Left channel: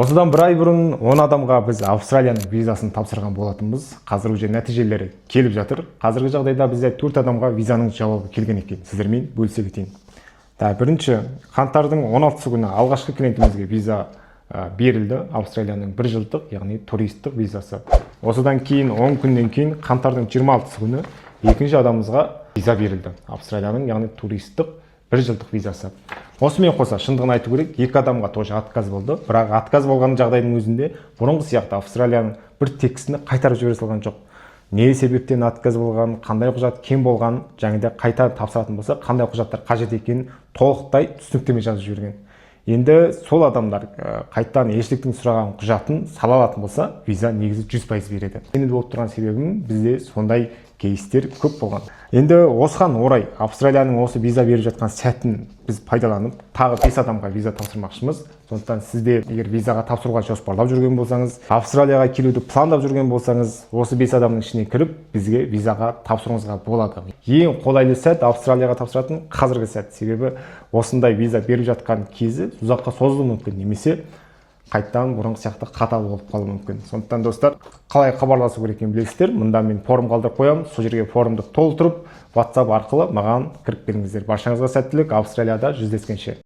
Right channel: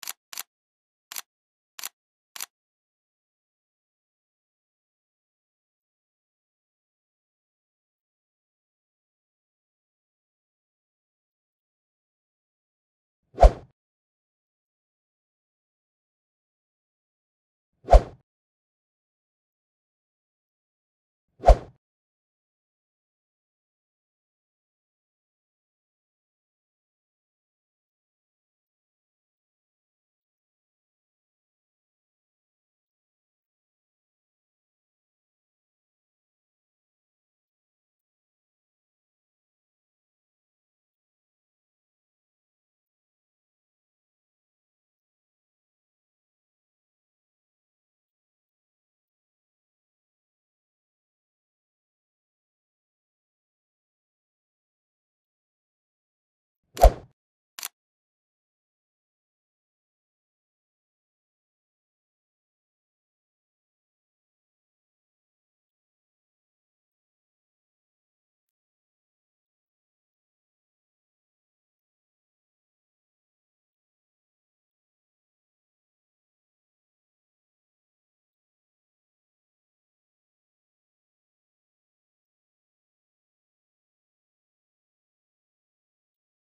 Осыдан бір ай бұрын 10 адамға біз Австралияның визасын тапсырған болатынбыз. Қазір уже нәтижелері келіп жатыр. Қазіргі жағдайда бізде 4 адамға визаның жауабы келген екен. Сіздермен бөлісе кетейін. Бірінші, қаңтардың 16 күні алғашқы клиентімізге виза берілді. Австралияның 1 жылдық, яғни туристік визасы. Осыдан кейін 10 күннен кейін қаңтардың 26 күні екінші адамымызға виза берілді. Австралияның, яғни туристік 1 жылдық визасы. Осымен қоса, шындығын айту керек, 2 адамға тоже отказ болды. Бірақ отказ болған жағдайдың өзінде бұрынғы сияқты Австралияның бір текстіні қайтарып жібере салған жоқ. Не себептен отказ болған, қандай құжат кем болған, және де қайта тапсыратын болса, қандай құжаттар қажет екенін толықтай түсініктеме жазып жіберген. Енді сол адамдар қайтадан елшіліктің сұраған құжатын сала алатын болса, виза негізі 100% береді. Енді болып тұрған себебім бізде сондай кейстер көп болған. Енді осыған орай Австралияның осы виза беріп жатқан сәтін біз пайдаланып, тағы 5 адамға виза тапсырмақшымыз. Сондықтан сізде егер визаға тапсыруға жоспарлап жүрген болсаңыз, Австралияға келуді пландап жүрген болсаңыз, осы 5 адамның ішіне кіріп, бізге визаға тапсыруыңызға болады. Ең қолайлы сәт Австралияға тапсыратын қазіргі сәт. Себебі осындай виза беріп жатқан кезі ұзаққа созылуы мүмкін, немесе қайттан бұрынғы сияқты қатал болып қалуы мүмкін. Сондықтан достар, қалай хабарласу керек екенін білесіздер. Мұнда мен форум қалдырып қоямын. Сол жерге форумды толтырып, WhatsApp арқылы маған кіріп келіңіздер. Баршаңызға сәттілік. Австралияда жүздескенше.